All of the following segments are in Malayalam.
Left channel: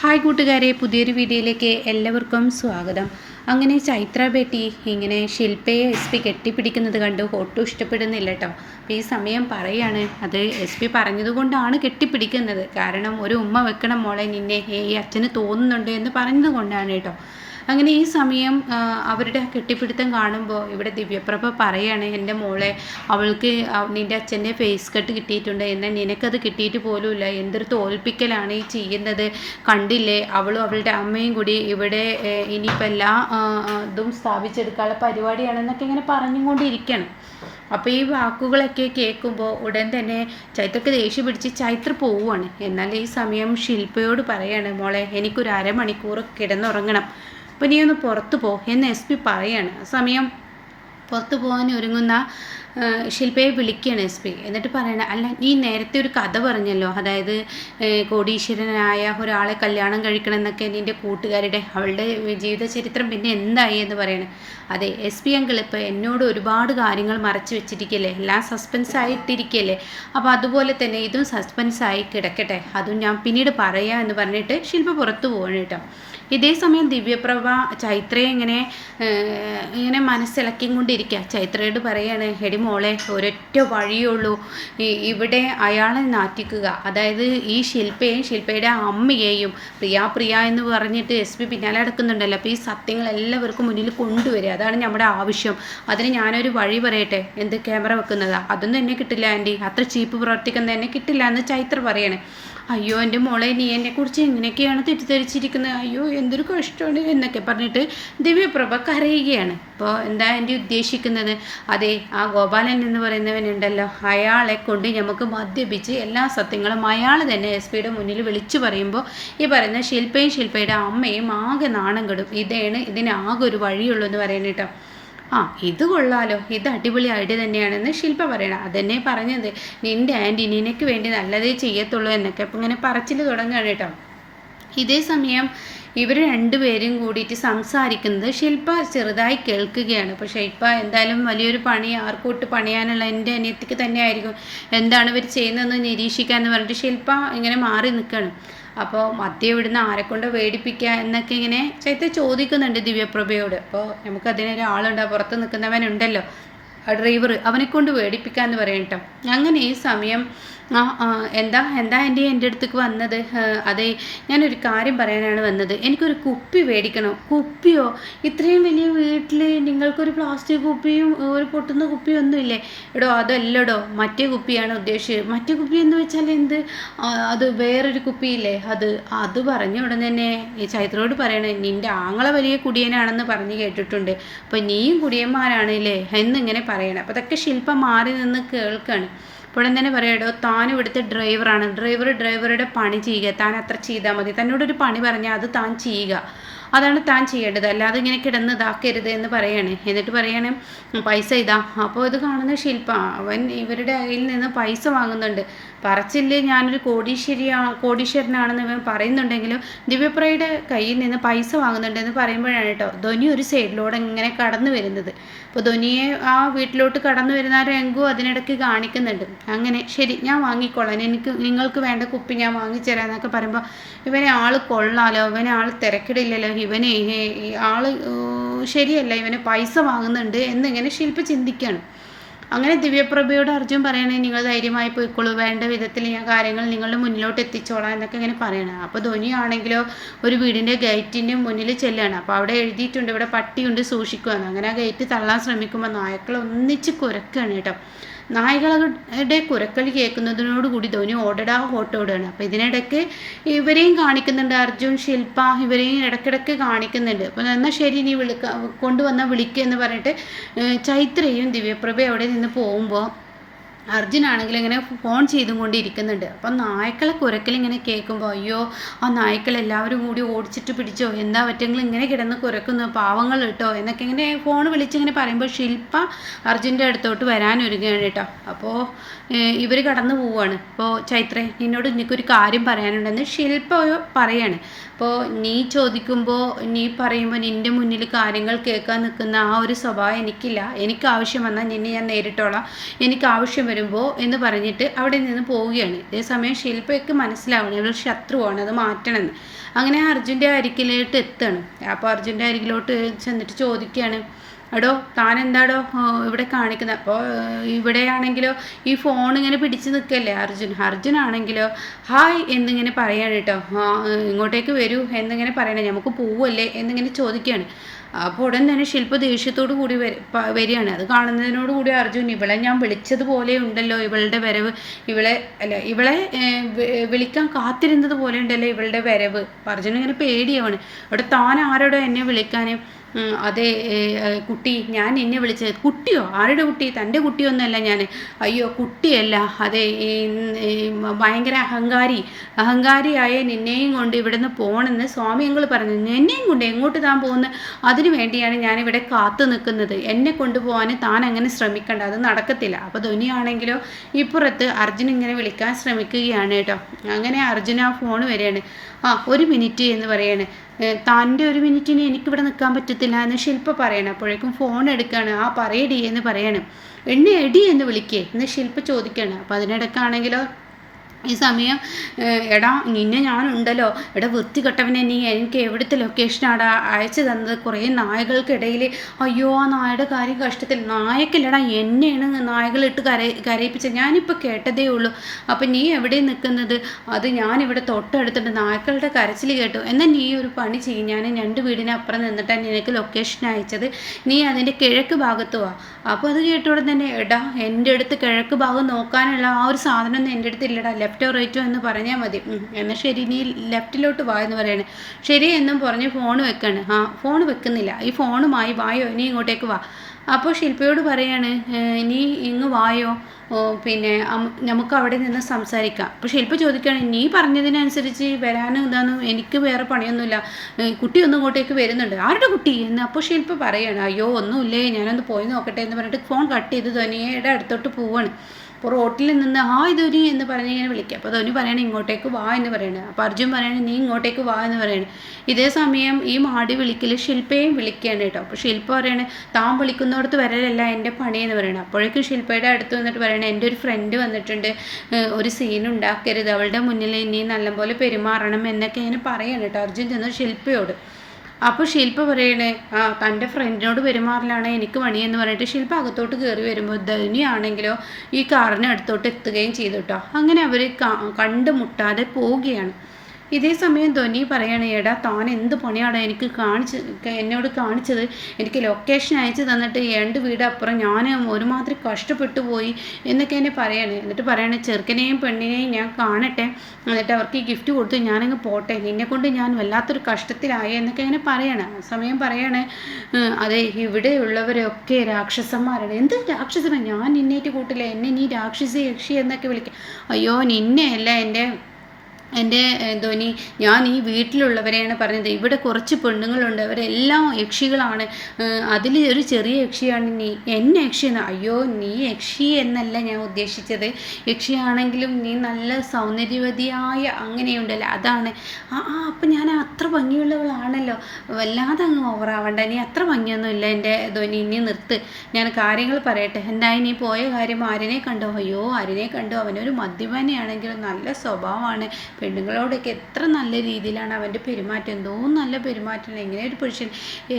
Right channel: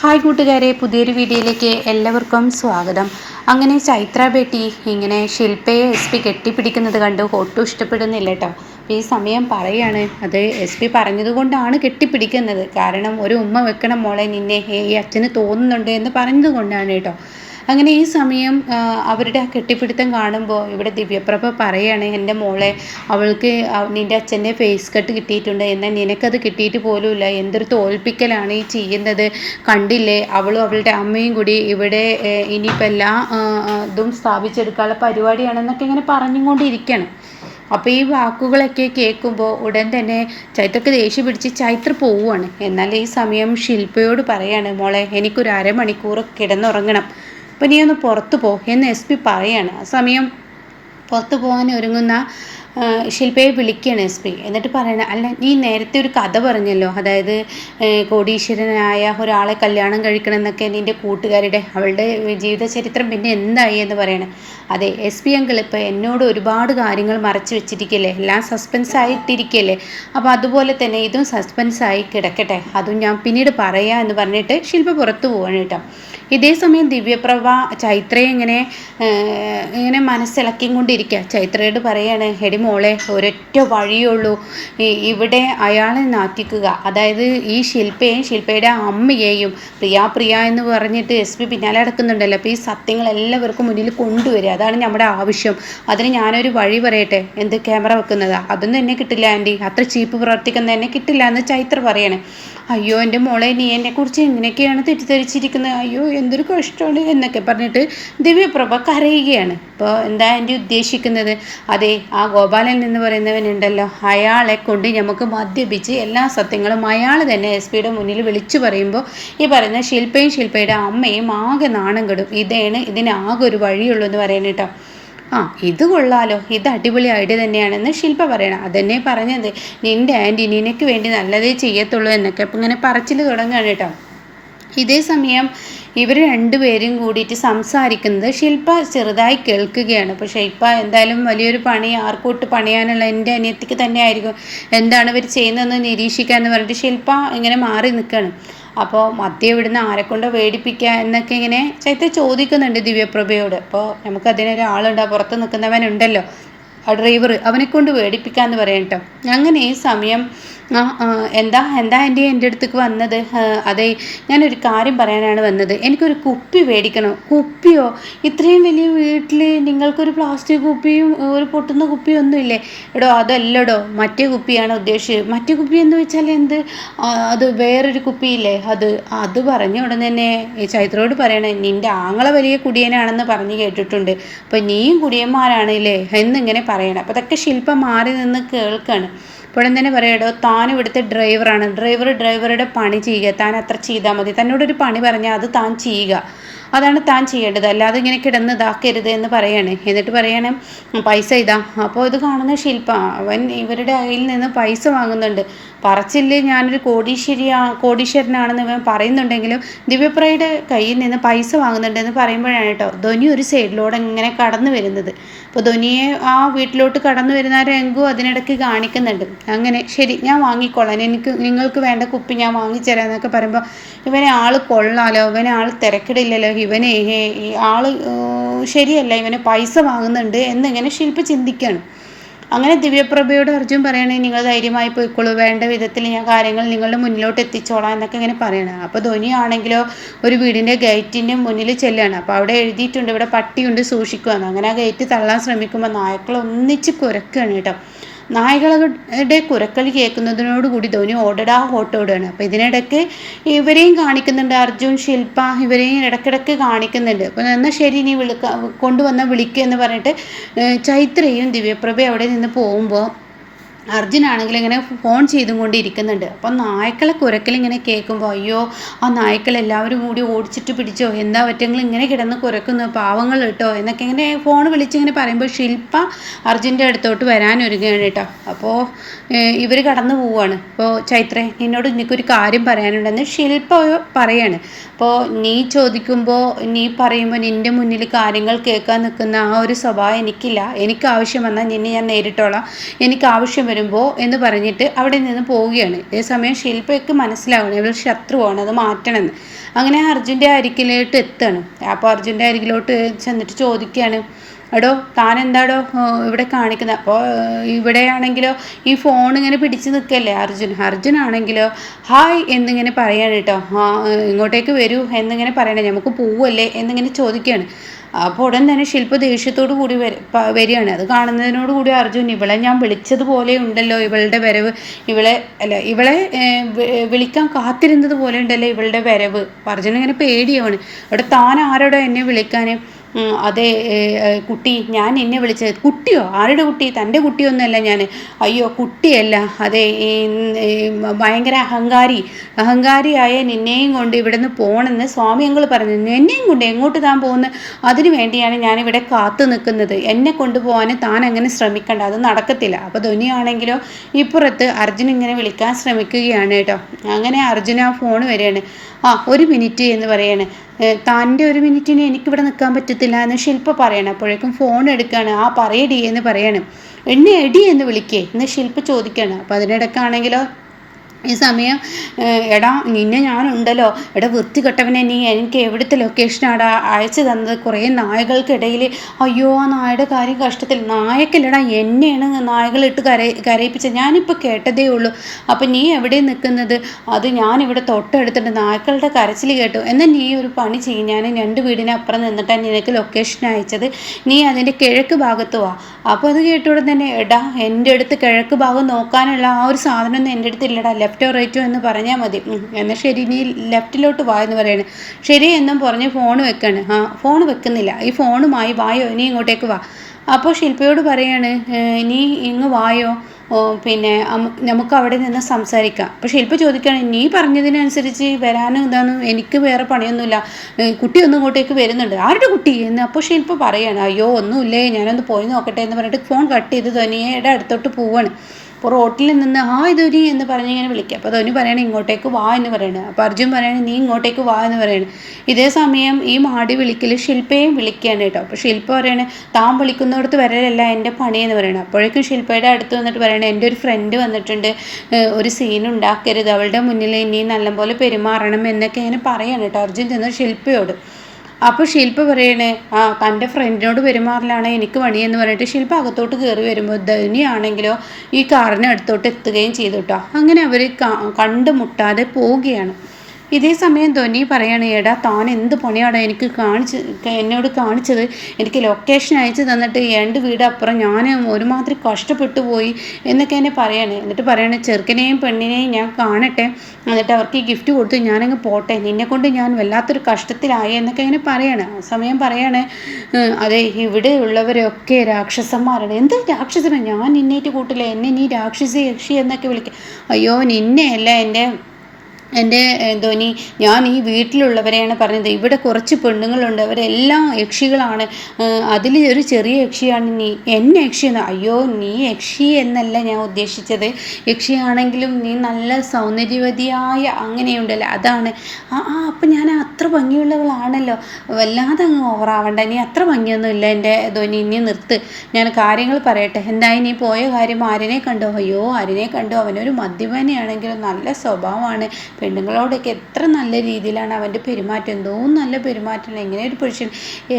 ഹായ് കൂട്ടുകാരെ, പുതിയൊരു വീഡിയോയിലേക്ക് എല്ലാവർക്കും സ്വാഗതം. അങ്ങനെ ചൈത്ര ബേട്ടി ഇങ്ങനെ ശില്പയെ SP കെട്ടിപ്പിടിക്കുന്നത് കണ്ട് ഒട്ടും ഇഷ്ടപ്പെടുന്നില്ല കേട്ടോ. അപ്പോൾ ഈ സമയം പറയാണ്, അത് SP പറഞ്ഞതുകൊണ്ടാണ് കെട്ടിപ്പിടിക്കുന്നത്. കാരണം ഒരു ഉമ്മ വെക്കണം മോളെ നിന്നെ ഈ അച്ഛന് തോന്നുന്നുണ്ട് എന്ന് പറഞ്ഞത് കൊണ്ടാണ് കേട്ടോ. അങ്ങനെ ഈ സമയം അവരുടെ കെട്ടിപ്പിടുത്തം കാണുമ്പോൾ ഇവിടെ ദിവ്യപ്രഭ പറയാണ്, എൻ്റെ മോളെ അവൾക്ക് നിൻ്റെ അച്ഛൻ്റെ ഫേസ് കട്ട് കിട്ടിയിട്ടുണ്ട്, എന്നാൽ നിനക്കത് കിട്ടിയിട്ട് പോലുമില്ല. എന്തൊരു തോൽപ്പിക്കലാണ് ഈ ചെയ്യുന്നത്, കണ്ടില്ലേ? അവളും അവളുടെ അമ്മയും കൂടി ഇവിടെ ഇനിയിപ്പോൾ എല്ലാ ഇതും സ്ഥാപിച്ചെടുക്കാനുള്ള പരിപാടിയാണെന്നൊക്കെ ഇങ്ങനെ പറഞ്ഞുകൊണ്ടിരിക്കുകയാണ്. അപ്പോൾ ഈ വാക്കുകളൊക്കെ കേൾക്കുമ്പോൾ ഉടൻ തന്നെ ചൈത്രക്ക് ദേഷ്യം പിടിച്ച് ചൈത്ര പോവുകയാണ്. എന്നാൽ ഈ സമയം ശില്പയോട് പറയാണ്, മോളെ എനിക്കൊരു അരമണിക്കൂർ കിടന്നുറങ്ങണം, അപ്പോൾ നീ ഒന്ന് പുറത്തു പോ എന്ന് SP പറയാണ്. ആ സമയം പുറത്തു പോകാൻ ഒരുങ്ങുന്ന ശില്പയെ വിളിക്കുകയാണ് SP. എന്നിട്ട് പറയണ, അല്ല നീ നേരത്തെ ഒരു കഥ പറഞ്ഞല്ലോ, അതായത് കോടീശ്വരനായ ഒരാളെ കല്യാണം കഴിക്കണം എന്നൊക്കെ നിൻ്റെ കൂട്ടുകാരുടെ അവളുടെ ജീവിതചരിത്രം പിന്നെ എന്തായി എന്ന് പറയണേ. അതെ SP അങ്കിൾ, ഇപ്പോൾ എന്നോട് ഒരുപാട് കാര്യങ്ങൾ മറച്ചു വെച്ചിരിക്കല്ലേ, എല്ലാം സസ്പെൻസായി ഇട്ടിരിക്കല്ലേ, അപ്പോൾ അതുപോലെ തന്നെ ഇതും സസ്പെൻസായി കിടക്കട്ടെ, അതും ഞാൻ പിന്നീട് പറയാം എന്ന് പറഞ്ഞിട്ട് ശില്പ പുറത്തു പോവാണ് കേട്ടോ. ഇതേ സമയം ദിവ്യപ്രഭ ചൈത്രയെ ഇങ്ങനെ മനസ്സിളക്കിക്കൊണ്ടിരിക്കുക. ചൈത്രയോട് പറയാണ്, എടി മോളെ ഒരൊറ്റ വഴിയുള്ളൂ, ഇവിടെ അയാളെ നാറ്റിക്കുക, അതായത് ഈ ശില്പയെയും ശില്പയുടെ അമ്മയെയും പ്രിയ എന്ന് പറഞ്ഞിട്ട് SP പിന്നാലെ നടക്കുന്നുണ്ടല്ലോ. അപ്പോൾ ഈ സത്യങ്ങൾ എല്ലാവർക്കും മുന്നിൽ കൊണ്ടുവരിക, അതാണ് നമ്മുടെ ആവശ്യം. അതിന് ഞാനൊരു വഴി പറയട്ടെ, എന്ത് ക്യാമറ വെക്കുന്നതാ, അതൊന്നും എന്നെ കിട്ടില്ല ആൻറ്റി, അത്ര ചീപ്പ് പ്രവർത്തിക്കുന്ന എന്നെ കിട്ടില്ല എന്ന് ചൈത്ര പറയണേ. അയ്യോ എൻ്റെ മോളെ, നീ എന്നെക്കുറിച്ച് ഇങ്ങനെയൊക്കെയാണ് തെറ്റിദ്ധരിച്ചിരിക്കുന്നത്, അയ്യോ എന്തൊരു കഷ്ടമാണ് എന്നൊക്കെ പറഞ്ഞിട്ട് ദിവ്യപ്രഭ കരയുകയാണ്. ഇപ്പോൾ എന്താ ആൻറ്റി ഉദ്ദേശിക്കുന്നത്? അതെ, ആ ഗോപാലൻ എന്ന് പറയുന്നവനുണ്ടല്ലോ, അയാളെ കൊണ്ട് നമുക്ക് മദ്യപിച്ച് എല്ലാ സത്യങ്ങളും അയാൾ തന്നെ SP മുന്നിൽ വിളിച്ചു പറയുമ്പോൾ ഈ പറയുന്ന ശില്പയുടെ അമ്മയും ആകെ നാണം കെടും. ഇതിനാകെ ഒരു വഴിയുള്ളൂ എന്ന് പറയുന്നത് കേട്ടോ. ഇത് കൊള്ളാലോ, ഇത് അടിപൊളി ഐഡിയ തന്നെയാണെന്ന് ശില്പ പറയണം. അതെന്നെ പറഞ്ഞത്, നിൻ്റെ ആൻറ്റി നിനക്ക് വേണ്ടി നല്ലതേ ചെയ്യത്തുള്ളൂ എന്നൊക്കെ ഇപ്പം ഇങ്ങനെ പറച്ചിൽ തുടങ്ങുകയാണ് കേട്ടോ. ഇതേ സമയം ഇവർ രണ്ടുപേരും കൂടിയിട്ട് സംസാരിക്കുന്നത് ശില്പ ചെറുതായി കേൾക്കുകയാണ്. അപ്പോൾ ശില്പ എന്തായാലും വലിയൊരു പണി ആർക്കൂട്ട് പണിയാനുള്ള എൻ്റെ അനിയത്തിക്ക് തന്നെ ആയിരിക്കും, എന്താണ് ഇവർ ചെയ്യുന്നതെന്ന് നിരീക്ഷിക്കാമെന്ന് പറഞ്ഞിട്ട് ശില്പ ഇങ്ങനെ മാറി നിൽക്കുകയാണ്. അപ്പോൾ മദ്യം ഇവിടുന്ന് ആരെക്കൊണ്ട് വേടിപ്പിക്കുക എന്നൊക്കെ ഇങ്ങനെ ചൈത്ര ചോദിക്കുന്നുണ്ട് ദിവ്യപ്രഭയോട്. അപ്പോൾ നമുക്കതിനൊരാളുണ്ട്, പുറത്ത് നിൽക്കുന്നവനുണ്ടല്ലോ ആ ഡ്രൈവർ, അവനെക്കൊണ്ട് വേടിപ്പിക്കാമെന്ന് പറയാം കേട്ടോ. അങ്ങനെ ഈ സമയം എന്താ എൻ്റെ അടുത്തേക്ക് വന്നത്? അതെ, ഞാനൊരു കാര്യം പറയാനാണ് വന്നത്, എനിക്കൊരു കുപ്പി മേടിക്കണം. കുപ്പിയോ? ഇത്രയും വലിയ വീട്ടിൽ നിങ്ങൾക്കൊരു പ്ലാസ്റ്റിക് കുപ്പിയും ഒരു പൊട്ടുന്ന കുപ്പിയും ഒന്നുമില്ലേ? എടോ അതല്ലടോ, മറ്റേ കുപ്പിയാണ് ഉദ്ദേശിച്ചത്. മറ്റേ കുപ്പി എന്ന് വെച്ചാൽ എന്ത്? അത് വേറൊരു കുപ്പിയില്ലേ അത് പറഞ്ഞ ഉടനെ തന്നെ ഈ ചൈത്രയോട് പറയണേ, നിൻ്റെ ആങ്ങളെ വലിയ കുടിയനാണെന്ന് പറഞ്ഞു കേട്ടിട്ടുണ്ട്, അപ്പോൾ നീയും കുടിയന്മാരാണില്ലേ എന്നിങ്ങനെ പറയണം. അപ്പോൾ അതൊക്കെ ശില്പ മാറി നിന്ന് കേൾക്കാണ്. ഉടൻ തന്നെ പറയടോ, താൻ ഇവിടുത്തെ ഡ്രൈവറാണ്, ഡ്രൈവറുടെ പണി ചെയ്യുക, താൻ അത്ര ചെയ്താൽ മതി, തന്നോടൊരു പണി പറഞ്ഞാൽ അത് താൻ ചെയ്യുക, അതാണ് താൻ ചെയ്യേണ്ടത്, അല്ലാതെ ഇങ്ങനെ കിടന്ന് ഇതാക്കരുത് എന്ന് പറയാണ്. എന്നിട്ട് പറയണം, പൈസ ഇതാ. അപ്പോൾ ഇത് കാണുന്ന ശില്പ, അവൻ ഇവരുടെ കയ്യിൽ നിന്ന് പൈസ വാങ്ങുന്നുണ്ട്. പറച്ചില് ഞാനൊരു കോടീശ്വരനാണെന്ന് ഇവൻ പറയുന്നുണ്ടെങ്കിലും ദിവ്യപ്രയുടെ കയ്യിൽ നിന്ന് പൈസ വാങ്ങുന്നുണ്ടെന്ന് പറയുമ്പോഴാണ് കേട്ടോ ധ്വനി ഒരു സൈഡിലൂടെ ഇങ്ങനെ കടന്നു വരുന്നത്. അപ്പോൾ ധ്വനിയെ ആ വീട്ടിലോട്ട് കടന്നു വരുന്ന രംഗു അതിനിടയ്ക്ക് കാണിക്കുന്നുണ്ട്. അങ്ങനെ ശരി, ഞാൻ വാങ്ങിക്കോളാം, നിങ്ങൾക്ക് വേണ്ട കുപ്പി ഞാൻ വാങ്ങിച്ചുതരാം എന്നൊക്കെ പറയുമ്പോൾ ഇവനെ ആൾ കൊള്ളാലോ, ഇവനെ ആൾ തിരക്കിടില്ലല്ലോ, ഇവനെ ആൾ ശരിയല്ല, ഇവന് പൈസ വാങ്ങുന്നുണ്ട് എന്നിങ്ങനെ ശില്പ ചിന്തിക്കുകയാണ്. അങ്ങനെ ദിവ്യപ്രഭയോട് അർജുൻ പറയണേ, നിങ്ങൾ ധൈര്യമായി പോയിക്കോളൂ, വേണ്ട വിധത്തിൽ ഞാൻ കാര്യങ്ങൾ നിങ്ങളുടെ മുന്നിലോട്ട് എത്തിച്ചോളാം എന്നൊക്കെ ഇങ്ങനെ പറയണം. അപ്പോൾ ധ്വനി ആണെങ്കിലോ ഒരു വീടിൻ്റെ ഗേറ്റിൻ്റെ മുന്നിൽ ചെല്ലുകയാണ്. അപ്പോൾ അവിടെ എഴുതിയിട്ടുണ്ട്, ഇവിടെ പട്ടിയുണ്ട് സൂക്ഷിക്കുകയെന്ന്. അങ്ങനെ ആ ഗേറ്റ് തള്ളാൻ ശ്രമിക്കുമ്പോൾ നായ്ക്കൾ ഒന്നിച്ച് കുരക്കുകയാണ് കേട്ടോ. നായകളുടെ കുരക്കൽ കേൾക്കുന്നതിനോടുകൂടി ധോനി ഓട്ടോടുകയാണ്. അപ്പോൾ ഇതിനിടയ്ക്ക് ഇവരെയും കാണിക്കുന്നുണ്ട്, അർജുൻ ശില്പ ഇവരെയും ഇടയ്ക്കിടയ്ക്ക് കാണിക്കുന്നുണ്ട്. അപ്പോൾ എന്നാൽ ശരി, നീ കൊണ്ടുവന്നാൽ വിളിക്കുക എന്ന് പറഞ്ഞിട്ട് ചൈത്രയും ദിവ്യപ്രഭയും അവിടെ നിന്ന് പോകുമ്പോൾ അർജുനാണെങ്കിൽ ഇങ്ങനെ ഫോൺ ചെയ്തും കൊണ്ടിരിക്കുന്നുണ്ട്. അപ്പം നായ്ക്കളെ കുരക്കലിങ്ങനെ കേൾക്കുമ്പോൾ അയ്യോ, ആ നായ്ക്കൾ എല്ലാവരും കൂടി ഓടിച്ചിട്ട് പിടിച്ചോ, എന്താ പറ്റെങ്കിൽ ഇങ്ങനെ കിടന്ന് കുരക്കുന്നു, പാവങ്ങൾ കേട്ടോ എന്നൊക്കെ ഇങ്ങനെ ഫോൺ വിളിച്ചിങ്ങനെ പറയുമ്പോൾ ശില്പ അർജുൻ്റെ അടുത്തോട്ട് വരാനൊരുങ്ങുകയാണ് കേട്ടോ. അപ്പോൾ ഇവർ കടന്നു പോവുകയാണ്. അപ്പോൾ ചൈത്രേ, നിന്നോട് എനിക്കൊരു കാര്യം പറയാനുണ്ടെന്ന് ശില്പ പറയാണ്. അപ്പോൾ നീ ചോദിക്കുമ്പോൾ നീ പറയുമ്പോൾ നിൻ്റെ മുന്നിൽ കാര്യങ്ങൾ കേൾക്കാൻ നിൽക്കുന്ന ആ ഒരു സ്വഭാവം എനിക്കില്ല. എനിക്ക് ആവശ്യം വന്നാൽ നിന്നെ ഞാൻ നേരിട്ടോളാം, എനിക്ക് ആവശ്യം വരുമ്പോൾ എന്ന് പറഞ്ഞിട്ട് അവിടെ നിന്ന് പോവുകയാണ്. ഇതേസമയം ശില്പയ്ക്ക് മനസ്സിലാവണം ഇവൾ ശത്രുവാണ്, അത് മാറ്റണമെന്ന്. അങ്ങനെ അർജുൻ്റെ അരികിലോട്ട് എത്തുകയാണ്. അപ്പോൾ അർജുൻ്റെ അരികിലോട്ട് ചെന്നിട്ട് ചോദിക്കുകയാണ്, എടോ താൻ എന്താടോ ഇവിടെ കാണിക്കുന്നത്? അപ്പോൾ ഇവിടെയാണെങ്കിലോ ഈ ഫോൺ ഇങ്ങനെ പിടിച്ച് നിൽക്കല്ലേ അർജുനാണെങ്കിലോ ഹായ് എന്നിങ്ങനെ പറയാണ് കേട്ടോ. ഇങ്ങോട്ടേക്ക് വരൂ എന്നിങ്ങനെ പറയണേ, നമുക്ക് പോവല്ലേ എന്നിങ്ങനെ ചോദിക്കുകയാണ്. അപ്പോൾ ഉടൻ തന്നെ ശില്പ ദേഷ്യത്തോടു കൂടി വരികയാണ്. അത് കാണുന്നതിനോട് കൂടി അർജുൻ, ഇവളെ ഞാൻ വിളിച്ചതുപോലെ ഉണ്ടല്ലോ ഇവളുടെ വരവ്, ഇവളെ വിളിക്കാൻ കാത്തിരുന്നത് പോലെ ഉണ്ടല്ലോ ഇവളുടെ വരവ്. അർജുൻ ഇങ്ങനെ പേടിയാണ്. അവിടെ താൻ ആരോടോ എന്നെ വിളിക്കാൻ? അതെ കുട്ടി, ഞാൻ എന്നെ വിളിച്ചത്. കുട്ടിയോ? ആരുടെ കുട്ടി? തൻ്റെ കുട്ടിയൊന്നുമല്ല ഞാൻ. അയ്യോ കുട്ടിയല്ല, അതെ ഭയങ്കര അഹങ്കാരിയായ നിന്നെയും കൊണ്ട് ഇവിടെ നിന്ന് പോകണമെന്ന് സ്വാമി അങ്കിൾ പറഞ്ഞു. എന്നെയും കൊണ്ട് എങ്ങോട്ട് താൻ പോകുന്നത്? അതിനു വേണ്ടിയാണ് ഞാനിവിടെ കാത്തു നിൽക്കുന്നത്. എന്നെ കൊണ്ടുപോകാൻ താൻ അങ്ങനെ ശ്രമിക്കണ്ട, അത് നടക്കത്തില്ല. അപ്പോൾ ധ്വനിയാണെങ്കിലോ ഇപ്പുറത്ത് അർജുൻ ഇങ്ങനെ വിളിക്കാൻ ശ്രമിക്കുകയാണ് കേട്ടോ. അങ്ങനെ അർജുന ആ ഫോൺ വരികയാണ്. ഒരു മിനിറ്റ് എന്ന് പറയാണ്. തൻ്റെ ഒരു മിനിറ്റിന് എനിക്കിവിടെ നിൽക്കാൻ പറ്റത്തില്ല എന്ന് ശില്പ പറയണം. അപ്പോഴേക്കും ഫോൺ എടുക്കുകയാണ്. പറയടി എന്ന് പറയാണ്. എന്നെ എടി എന്ന് വിളിക്കേ എന്ന് ശില്പ ചോദിക്കുകയാണ്. അപ്പോൾ അതിനിടയ്ക്കാണെങ്കിലോ ഈ സമയം എടാ നിന്നെ ഞാനുണ്ടല്ലോ, വൃത്തി കെട്ടവനെ, നീ എനിക്ക് എവിടുത്തെ ലൊക്കേഷനാടാ അയച്ചു തന്നത്? കുറേ നായകൾക്കിടയിൽ. അയ്യോ ആ നായയുടെ കാര്യം കഷ്ടത്തിൽ. നായക്കല്ലടാ, എന്നെയാണ് നായകളിട്ട് കരയിപ്പിച്ചത്. ഞാനിപ്പോൾ കേട്ടതേ ഉള്ളൂ. അപ്പം നീ എവിടെ നിൽക്കുന്നത്? അത് ഞാനിവിടെ തൊട്ടടുത്തിട്ട് നായ്ക്കളുടെ കരച്ചിൽ കേട്ടു. എന്നാൽ നീ ഒരു പണി ചെയ്യും, ഞാൻ 2 വീടിനപ്പുറം നിന്നിട്ടാണ് നിനക്ക് ലൊക്കേഷൻ അയച്ചത്. നീ അതിൻ്റെ കിഴക്ക് ഭാഗത്ത് വാ. അപ്പോൾ അത് കേട്ടോടെ തന്നെ, എടാ എൻ്റെ അടുത്ത് കിഴക്ക് ഭാഗം നോക്കാനുള്ള ആ ഒരു സാധനമൊന്നും എൻ്റെ അടുത്ത് ഇല്ലടാ, ലെഫ്റ്റോ റൈറ്റോ എന്ന് പറഞ്ഞാൽ മതി. എന്നാൽ ശരി, നീ ലെഫ്റ്റിലോട്ട് വാ എന്ന് പറയാണ്. ശരി എന്നും പറഞ്ഞ് ഫോൺ വെക്കാണ്. ഫോൺ വെക്കുന്നില്ല. ഈ ഫോണുമായി വായോ, ഇനി ഇങ്ങോട്ടേക്ക് വാ. അപ്പോൾ ശില്പയോട് പറയാണ്, നീ ഇങ്ങ് വായോ, പിന്നെ നമുക്ക് അവിടെ നിന്ന് സംസാരിക്കാം. അപ്പോൾ ശില്പ ചോദിക്കുകയാണ്, നീ പറഞ്ഞതിനനുസരിച്ച് വരാനും ഇതാണ്, എനിക്ക് വേറെ പണിയൊന്നുമില്ല, കുട്ടിയൊന്നും ഇങ്ങോട്ടേക്ക് വരുന്നുണ്ട്. ആരുടെ കുട്ടി എന്ന് അപ്പോൾ ശില്പ പറയാണ്. അയ്യോ ഒന്നുമില്ലേ, ഞാനൊന്ന് പോയി നോക്കട്ടെ എന്ന് പറഞ്ഞിട്ട് ഫോൺ കട്ട് ചെയ്ത് ധ്വനിയുടെ അടുത്തോട്ട് പോവാണ്. അപ്പോൾ റോട്ടിൽ നിന്ന് ധ്വനി എന്ന് പറഞ്ഞിങ്ങനെ വിളിക്കുക. അപ്പോൾ ധ്വനി പറയണേ ഇങ്ങോട്ടേക്ക് വാ എന്ന് പറയണേ. അപ്പോൾ അർജുൻ പറയണേ നീ ഇങ്ങോട്ടേക്ക് വാ എന്ന് പറയണേ. ഇതേ സമയം ഈ മാടി വിളിക്കൽ ശില്പയും വിളിക്കുകയാണ് കേട്ടോ. അപ്പോൾ ശില്പ പറയണേ, താൻ വിളിക്കുന്നിടത്ത് വരലല്ല എൻ്റെ പണി എന്ന് പറയണേ. അപ്പോഴേക്കും ശില്പയുടെ അടുത്ത് വന്നിട്ട് പറയണേ, എൻ്റെ ഒരു ഫ്രണ്ട് വന്നിട്ടുണ്ട്, ഒരു സീൻ ഉണ്ടാക്കരുത്, അവളുടെ മുന്നിൽ ഇനി നല്ലപോലെ പെരുമാറണം എന്നൊക്കെ ഇങ്ങനെ പറയാണ് കേട്ടോ അർജുൻ ചെന്ന് ശില്പയോട്. അപ്പോൾ ശില്പ പറയണേ, തൻ്റെ ഫ്രണ്ടിനോട് പെരുമാറലാണ് എനിക്ക് പണിയെന്ന് പറഞ്ഞിട്ട് ശില്പ അകത്തോട്ട് കയറി വരുമ്പോൾ ധനിയാണെങ്കിലോ ഈ കാറിന് അടുത്തോട്ട് എത്തുകയും ചെയ്തു കേട്ടോ. അങ്ങനെ അവർ കണ്ടുമുട്ടാതെ പോവുകയാണ്. ഇതേ സമയം ധ്വനി പറയാണ്, എടാ താൻ എന്ത് പണിയാണ് എന്നോട് കാണിച്ചത്? എനിക്ക് ലൊക്കേഷൻ അയച്ചു തന്നിട്ട് 2 വീട് അപ്പുറം ഞാൻ ഒരുമാതിരി കഷ്ടപ്പെട്ടു പോയി എന്നൊക്കെ എന്നെ പറയാണ്. എന്നിട്ട് പറയണേ, ചെറുക്കനെയും പെണ്ണിനെയും ഞാൻ കാണട്ടെ, എന്നിട്ട് അവർക്ക് ഈ ഗിഫ്റ്റ് കൊടുത്ത് ഞാനങ്ങ് പോട്ടെ, നിന്നെക്കൊണ്ട് ഞാൻ വല്ലാത്തൊരു കഷ്ടത്തിലായി എന്നൊക്കെ അങ്ങനെ പറയാണ്. ആ സമയം പറയാണ്, അതെ ഇവിടെ ഉള്ളവരൊക്കെ രാക്ഷസന്മാരാണ്. എന്ത് രാക്ഷസനാണ്? ഞാൻ നിന്നേറ്റ് കൂട്ടില്ല, എന്നെ നീ രാക്ഷസി യക്ഷി എന്നൊക്കെ വിളിക്കുക. അയ്യോ നിന്നെയല്ല എൻ്റെ ധ്വനി, ഞാൻ ഈ വീട്ടിലുള്ളവരെയാണ് പറഞ്ഞത്. ഇവിടെ കുറച്ച് പെണ്ണുങ്ങളുണ്ട്, അവരെല്ലാം യക്ഷികളാണ്, അതിൽ ഒരു ചെറിയ യക്ഷിയാണ് നീ. എന്നെ യക്ഷിയെന്ന്? അയ്യോ നീ യക്ഷി എന്നല്ല ഞാൻ ഉദ്ദേശിച്ചത്, യക്ഷിയാണെങ്കിലും നീ നല്ല സൗന്ദര്യവതിയായ അങ്ങനെയുണ്ടല്ലോ അതാണ്. അപ്പം ഞാൻ അത്ര ഭംഗിയുള്ളവളാണല്ലോ, വല്ലാതെ അങ്ങ് ഓവറാവണ്ട, നീ അത്ര ഭംഗിയൊന്നുമില്ല എൻ്റെ ധ്വനി, ഇനി നിർത്ത്, ഞാൻ കാര്യങ്ങൾ പറയട്ടെ. എന്തായി നീ പോയ കാര്യം? ആരിനെ കണ്ടോ? അയ്യോ ആരിനെ കണ്ടു, അവനൊരു മദ്യപാനിയാണെങ്കിലും നല്ല സ്വഭാവമാണ്, പെണ്ണുങ്ങളോടൊക്കെ എത്ര നല്ല രീതിയിലാണ് അവൻ്റെ പെരുമാറ്റം, എന്തോ നല്ല പെരുമാറ്റമാണ്, എങ്ങനെ ഒരു പുരുഷൻ.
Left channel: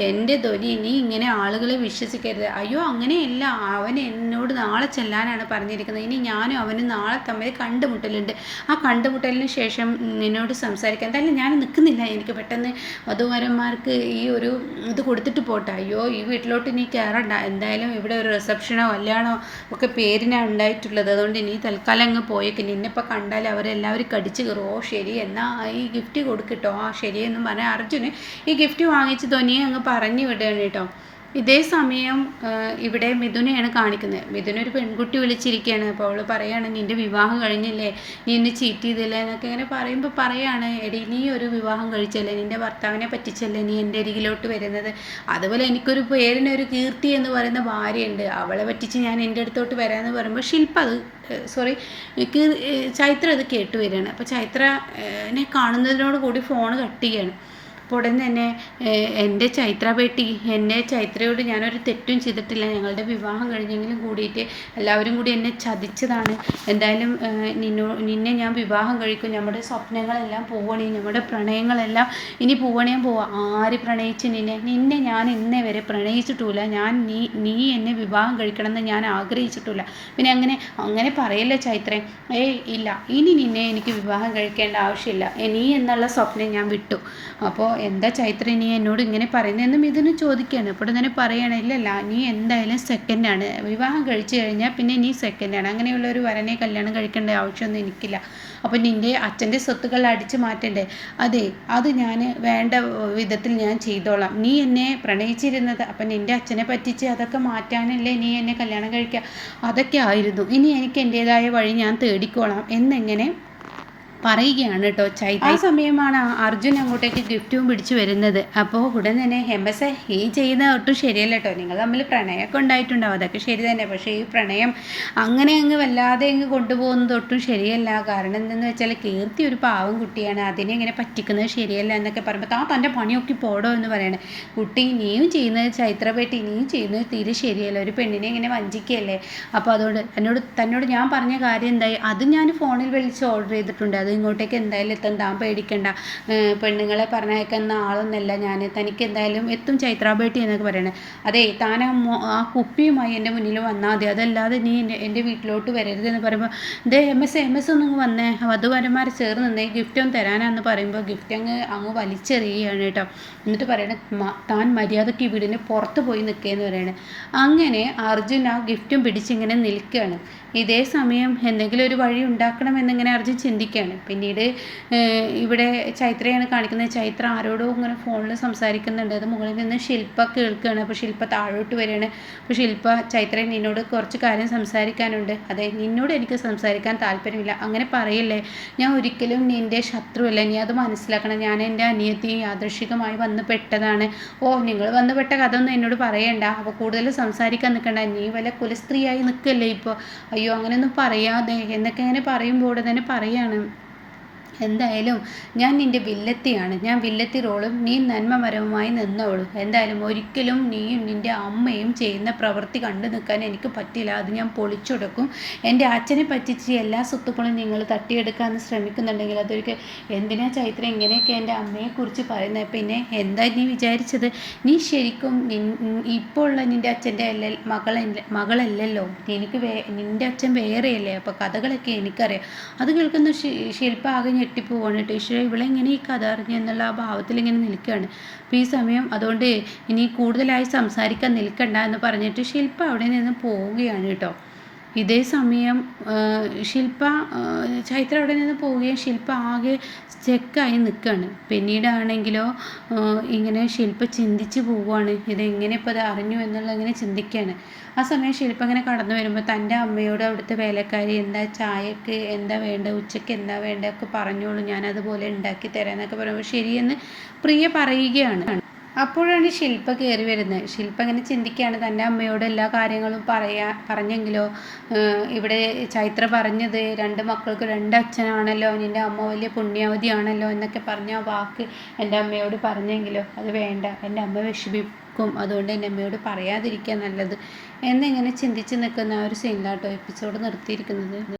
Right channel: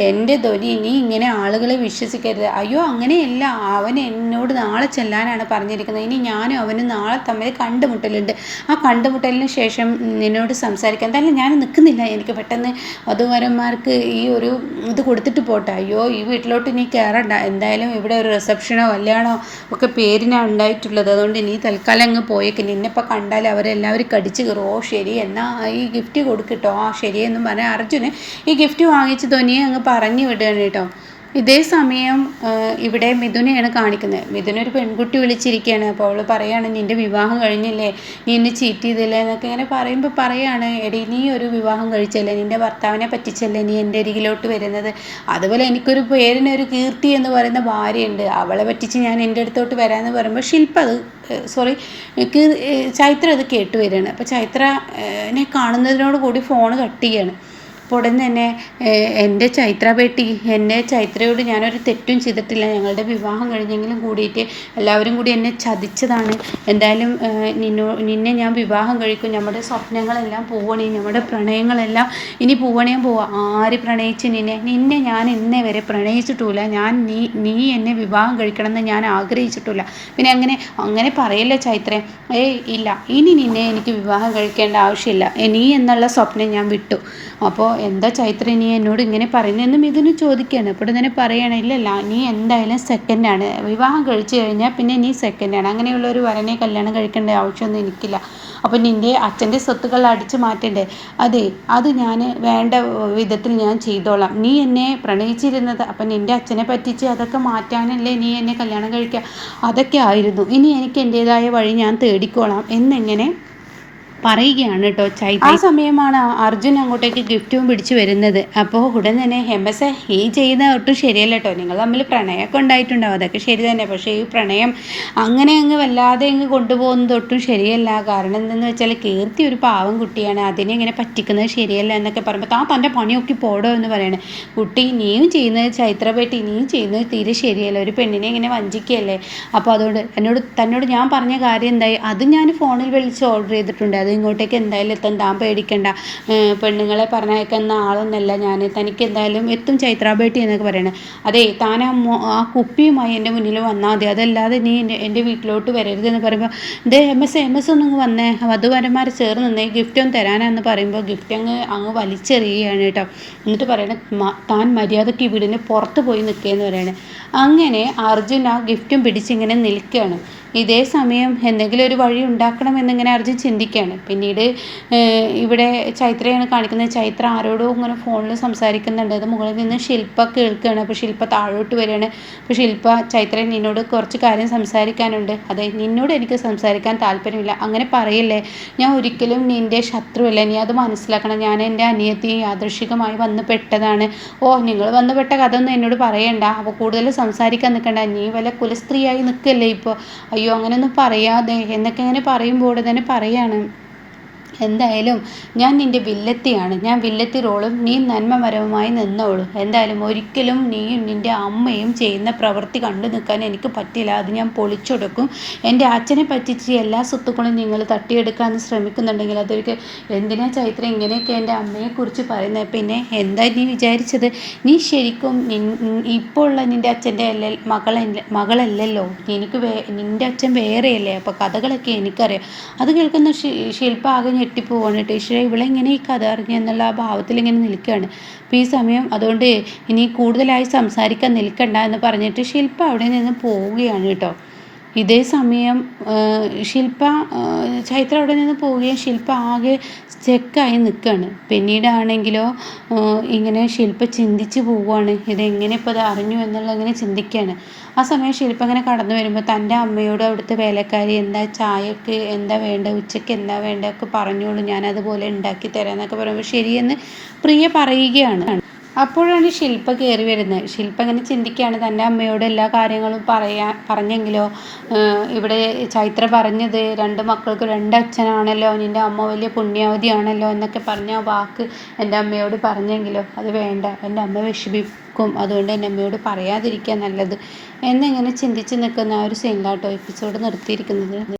എൻ്റെ ധ്വനി നീ ഇങ്ങനെ ആളുകളെ വിശ്വസിക്കരുത്. അയ്യോ അങ്ങനെയല്ല, അവൻ എന്നോട് നാളെ ചെല്ലാനാണ് പറഞ്ഞിരിക്കുന്നത്, ഇനി ഞാനും അവനും നാളെ തമ്മിൽ കണ്ടുമുട്ടലുണ്ട്, ആ കണ്ടുമുട്ടലിന് ശേഷം നിന്നോട് സംസാരിക്കാം. എന്തായാലും ഞാൻ നിൽക്കുന്നില്ല, എനിക്ക് പെട്ടെന്ന് വധൂവരന്മാർക്ക് ഈ ഒരു ഇത് കൊടുത്തിട്ട് പോട്ടെ. അയ്യോ ഈ വീട്ടിലോട്ട് നീ കയറണ്ട, എന്തായാലും ഇവിടെ ഒരു റിസപ്ഷനോ കല്യാണോ ഒക്കെ പേരിനാണ് ഉണ്ടായിട്ടുള്ളത്, അതുകൊണ്ട് നീ തൽക്കാലം അങ്ങ് പോയേക്ക്, നിന്നെപ്പോൾ കണ്ടാൽ അവരെല്ലാവരും കടിച്ച് കയറും. ശരി എന്നാൽ ഈ ഗിഫ്റ്റ് കൊടുക്കട്ടോ. ശരിയെന്നും പറഞ്ഞാൽ അർജുന് ഈ ഗിഫ്റ്റ് വാങ്ങിച്ച് ധ്വനിയെ അങ്ങ് പറഞ്ഞു വിടുകയാണ് കേട്ടോ. ഇതേ സമയം ഇവിടെ മിഥുനെയാണ് കാണിക്കുന്നത്. മിഥുനൊരു പെൺകുട്ടി വിളിച്ചിരിക്കുകയാണ്. അപ്പോൾ അവൾ പറയാണ്, നിൻ്റെ വിവാഹം കഴിഞ്ഞില്ലേ, നീ എന്നെ ചീറ്റ് ചെയ്തില്ലേ എന്നൊക്കെ ഇങ്ങനെ പറയുമ്പോൾ പറയാണ്, എടി നീ ഒരു വിവാഹം കഴിച്ചല്ലേ, നിൻ്റെ ഭർത്താവിനെ പറ്റിച്ചല്ലേ നീ എൻ്റെ അരികിലോട്ട് വരുന്നത്, അതുപോലെ എനിക്കൊരു പേരിനൊരു കീർത്തി എന്ന് പറയുന്ന ഭാര്യയുണ്ട്, അവളെ പറ്റിച്ച് ഞാൻ എൻ്റെ അടുത്തോട്ട് വരാമെന്ന് പറയുമ്പോൾ ശില്പ അത് ചൈത്ര അത് കേട്ട് വരികയാണ്. അപ്പോൾ ചൈത്രനെ കാണുന്നതിനോട് കൂടി ഫോൺ കട്ട് ചെയ്യാണ്. ഉടൻ തന്നെ എൻ്റെ ചൈത്ര ബേട്ടി, എന്നെ ചൈത്രയോട് ഞാനൊരു തെറ്റും ചെയ്തിട്ടില്ല, ഞങ്ങളുടെ വിവാഹം കഴിഞ്ഞെങ്കിലും കൂടിയിട്ട് എല്ലാവരും കൂടി എന്നെ ചതിച്ചതാണ്. എന്തായാലും നിന്നെ ഞാൻ വിവാഹം കഴിക്കും, നമ്മുടെ സ്വപ്നങ്ങളെല്ലാം പോവണേ, നമ്മുടെ പ്രണയങ്ങളെല്ലാം ഇനി പോവണേയും പോവാം. ആര് പ്രണയിച്ച് നിന്നെ ഞാൻ ഇന്നേ വരെ പ്രണയിച്ചിട്ടില്ല. നീ എന്നെ വിവാഹം കഴിക്കണമെന്ന് ഞാൻ ആഗ്രഹിച്ചിട്ടില്ല. പിന്നെ അങ്ങനെ പറയല്ലേ ചൈത്രൻ. ഇല്ല, ഇനി നിന്നെ എനിക്ക് വിവാഹം കഴിക്കേണ്ട ആവശ്യമില്ല. നീ എന്നുള്ള സ്വപ്നം ഞാൻ വിട്ടു. അപ്പോൾ എന്താ ചൈത്ര നീ എന്നോട് ഇങ്ങനെ പറയുന്നതെന്ന് മിഥുന് ചോദിക്കുകയാണ്. അപ്പോൾ തന്നെ പറയണ, ഇല്ലല്ല, നീ എന്തായാലും സെക്കൻഡാണ്. വിവാഹം കഴിച്ചു കഴിഞ്ഞാൽ പിന്നെ നീ സെക്കൻഡാണ്. അങ്ങനെയുള്ള ഒരു വരനെ കല്യാണം കഴിക്കേണ്ട ആവശ്യമൊന്നും എനിക്കില്ല. അപ്പം നിൻ്റെ അച്ഛൻ്റെ സ്വത്തുക്കൾ അടിച്ചു മാറ്റണ്ടേ? അതെ, അത് ഞാൻ വേണ്ട വിധത്തിൽ ഞാൻ ചെയ്തോളാം. നീ എന്നെ പ്രണയിച്ചിരുന്നത് അപ്പം നിൻ്റെ അച്ഛനെ പറ്റിച്ച് അതൊക്കെ മാറ്റാനല്ലേ നീ എന്നെ കല്യാണം കഴിക്കുക? അതൊക്കെ ആയിരുന്നു. ഇനി എനിക്ക് എൻ്റേതായ വഴി ഞാൻ തേടിക്കോളാം എന്നിങ്ങനെ പറയുകയാണ് കേട്ടോ ചൈത്ര. ആ സമയമാണ് അർജുൻ അങ്ങോട്ടേക്ക് ഗിഫ്റ്റും പിടിച്ചു വരുന്നത്. അപ്പോൾ ഉടൻ തന്നെ എംബസ, ഈ ചെയ്യുന്ന ഒട്ടും ശരിയല്ല കേട്ടോ. നിങ്ങൾ തമ്മിൽ പ്രണയമൊക്കെ ഉണ്ടായിട്ടുണ്ടാവും, അതൊക്കെ ശരി തന്നെ. പക്ഷേ ഈ പ്രണയം അങ്ങനെ വല്ലാതെ കൊണ്ടുപോകുന്നത് ഒട്ടും ശരിയല്ല. കാരണം എന്തെന്ന് വെച്ചാൽ കീർത്തി ഒരു പാവം കുട്ടിയാണ്, അതിനെ ഇങ്ങനെ പറ്റിക്കുന്നത് ശരിയല്ല എന്നൊക്കെ പറയുമ്പോൾ തൻ്റെ പണിയൊക്കെ പോടോ എന്ന് പറയണേ. കുട്ടി, നീയും ചെയ്യുന്നത് ചൈത്ര ബേട്ടി, നീയും ചെയ്യുന്നത് തീരെ ശരിയല്ല. ഒരു പെണ്ണിനെ ഇങ്ങനെ വഞ്ചിക്കുകയല്ലേ. അപ്പോൾ അതുകൊണ്ട് തന്നോട് ഞാൻ പറഞ്ഞ കാര്യം എന്തായി? അത് ഞാൻ ഫോണിൽ വിളിച്ച് ഓർഡർ ചെയ്തിട്ടുണ്ട്. അത് ഇങ്ങോട്ടേക്ക് എന്തായാലും എത്താൻ താൻ പേടിക്കണ്ട. പെണ്ണുങ്ങളെ പറഞ്ഞയക്കുന്ന ആളൊന്നല്ല ഞാൻ. തനിക്ക് എന്തായാലും എത്തും ചൈത്ര ബേട്ടി എന്നൊക്കെ പറയണേ. അതെ, താൻ ആ കുപ്പിയുമായി എൻ്റെ മുന്നിൽ വന്നാൽ മതി, അതല്ലാതെ നീ എൻ്റെ വീട്ടിലോട്ട് വരരുതെന്ന് പറയുമ്പോൾ, ഇത് എം എസ് ഒന്നും വന്നേ, വധുവരന്മാർ ചേർന്ന് നിന്നേ, ഗിഫ്റ്റ് ഒന്ന് തരാനാന്ന് പറയുമ്പോൾ ഗിഫ്റ്റ് അങ്ങ് വലിച്ചെറിയുകയാണ് കേട്ടോ. എന്നിട്ട് പറയണേ, താൻ മര്യാദയ്ക്ക് വീടിന് പുറത്ത് പോയി നിൽക്കുകയെന്ന് പറയണേ. അങ്ങനെ അർജുൻ ആ ഗിഫ്റ്റും പിടിച്ചിങ്ങനെ നിൽക്കുകയാണ്. ഇതേ സമയം എന്തെങ്കിലും ഒരു വഴി ഉണ്ടാക്കണമെന്നിങ്ങനെ അർജുൻ ചിന്തിക്കുകയാണ്. പിന്നീട് ഇവിടെ ചൈത്രയാണ് കാണിക്കുന്നത്. ചൈത്ര ആരോടോ ഇങ്ങനെ ഫോണിൽ സംസാരിക്കുന്നുണ്ട്. അത് മുകളിൽ നിന്ന് ശില്പ കേൾക്കുകയാണ്. അപ്പോൾ ശില്പ താഴോട്ട് വരികയാണ്. അപ്പോൾ ശില്പ, ചൈത്ര, നിന്നോട് കുറച്ച് കാര്യം സംസാരിക്കാനുണ്ട്. അതെ, നിന്നോട് എനിക്ക് സംസാരിക്കാൻ താല്പര്യമില്ല. അങ്ങനെ പറയില്ലേ, ഞാൻ ഒരിക്കലും നിൻ്റെ ശത്രുവല്ല, നീ അത് മനസ്സിലാക്കണം. ഞാൻ എൻ്റെ അനിയത്തി യാദൃശികമായി വന്ന് പെട്ടതാണ്. നിങ്ങൾ വന്ന് പെട്ട കഥ ഒന്നും എന്നോട് പറയണ്ട. അപ്പോൾ കൂടുതൽ സംസാരിക്കാൻ നിൽക്കണ്ട. നീ വല്ല കുലസ്ത്രീയായി നിൽക്കല്ലേ ഇപ്പോൾ. അയ്യോ, അങ്ങനെയൊന്നും പറയാതെ എന്നൊക്കെ അങ്ങനെ പറയുമ്പോൾ തന്നെ പറയാണ്, എന്തായാലും ഞാൻ നിൻ്റെ വില്ലത്തിയാണ്. ഞാൻ വില്ലത്തി റോളും നീ നന്മമരവുമായി നിന്നോളൂ. എന്തായാലും ഒരിക്കലും നീയും നിൻ്റെ അമ്മയും ചെയ്യുന്ന പ്രവൃത്തി കണ്ടു നിൽക്കാൻ എനിക്ക് പറ്റില്ല. അത് ഞാൻ പൊളിച്ചൊടുക്കും. എൻ്റെ അച്ഛനെ പറ്റിച്ച് എല്ലാ സ്വത്തുക്കളും നിങ്ങൾ തട്ടിയെടുക്കാൻ ശ്രമിക്കുന്നുണ്ടെങ്കിൽ അതൊരിക്കൽ, എന്തിനാ ചൈത്ര ഇങ്ങനെയൊക്കെ എൻ്റെ അമ്മയെക്കുറിച്ച് പറയുന്നത്? പിന്നെ എന്താ നീ വിചാരിച്ചത്? നീ ശരിക്കും ഇപ്പോൾ ഉള്ള നിൻ്റെ അച്ഛൻ്റെ മകളല്ലല്ലോ. നിൻ്റെ അച്ഛൻ വേറെയല്ലേ. അപ്പോൾ കഥകളൊക്കെ എനിക്കറിയാം. അത് കേൾക്കുന്ന ശില്പ ആകെ ഞെട്ടിപ്പോവാണ്. ടീച്ചറെ, ഇവളെങ്ങനെ ഈ കഥ അറിഞ്ഞു എന്നുള്ള ആ ഭാവത്തിൽ ഇങ്ങനെ നിൽക്കുകയാണ്. അപ്പോൾ ഈ സമയം അതുകൊണ്ട് ഇനി കൂടുതലായി സംസാരിക്കാൻ നിൽക്കണ്ട എന്ന് പറഞ്ഞിട്ട് ശില്പ അവിടെ നിന്ന് പോവുകയാണ് കേട്ടോ. ഇതേ സമയം ചൈത്ര അവിടെ നിന്ന് പോവുകയും ശില്പ ആകെ സ്റ്റക്കായി നിൽക്കുകയാണ്. പിന്നീടാണെങ്കിലോ ഇങ്ങനെ ശില്പ ചിന്തിച്ച് പോവുകയാണ്, ഇതെങ്ങനെ ഇപ്പോൾ അത് അറിഞ്ഞു എന്നുള്ള ഇങ്ങനെ ചിന്തിക്കുകയാണ്. ആ സമയം ശില്പ ഇങ്ങനെ കടന്നു വരുമ്പോൾ തൻ്റെ അമ്മയോട് അവിടുത്തെ വേലക്കാരി, എന്താ ചായക്ക് എന്താ വേണ്ട, ഉച്ചയ്ക്ക് എന്താ വേണ്ടതൊക്കെ പറഞ്ഞോളൂ, ഞാനതുപോലെ ഉണ്ടാക്കി തരാം എന്നൊക്കെ പറയുമ്പോൾ ശരിയെന്ന് പ്രിയ പറയുകയാണ്. അപ്പോഴാണ് ശില്പ കയറി വരുന്നത്. ശില്പ ഇങ്ങനെ ചിന്തിക്കുകയാണ്, തൻ്റെ അമ്മയോട് എല്ലാ കാര്യങ്ങളും പറഞ്ഞെങ്കിലോ, ഇവിടെ ചൈത്ര പറഞ്ഞത് 2 മക്കൾക്ക് 2 അച്ഛനാണല്ലോ, നിൻ്റെ അമ്മ വലിയ പുണ്യാവതിയാണല്ലോ എന്നൊക്കെ പറഞ്ഞ ആ വാക്ക് എൻ്റെ അമ്മയോട് പറഞ്ഞെങ്കിലോ, അത് വേണ്ട, എൻ്റെ അമ്മ വിഷമിക്കും, അതുകൊണ്ട് എൻ്റെ അമ്മയോട് പറയാതിരിക്കുക നല്ലത് എന്നിങ്ങനെ ചിന്തിച്ച് നിൽക്കുന്ന ആ ഒരു സീനിലാട്ടോ എപ്പിസോഡ് നിർത്തിയിരിക്കുന്നത്.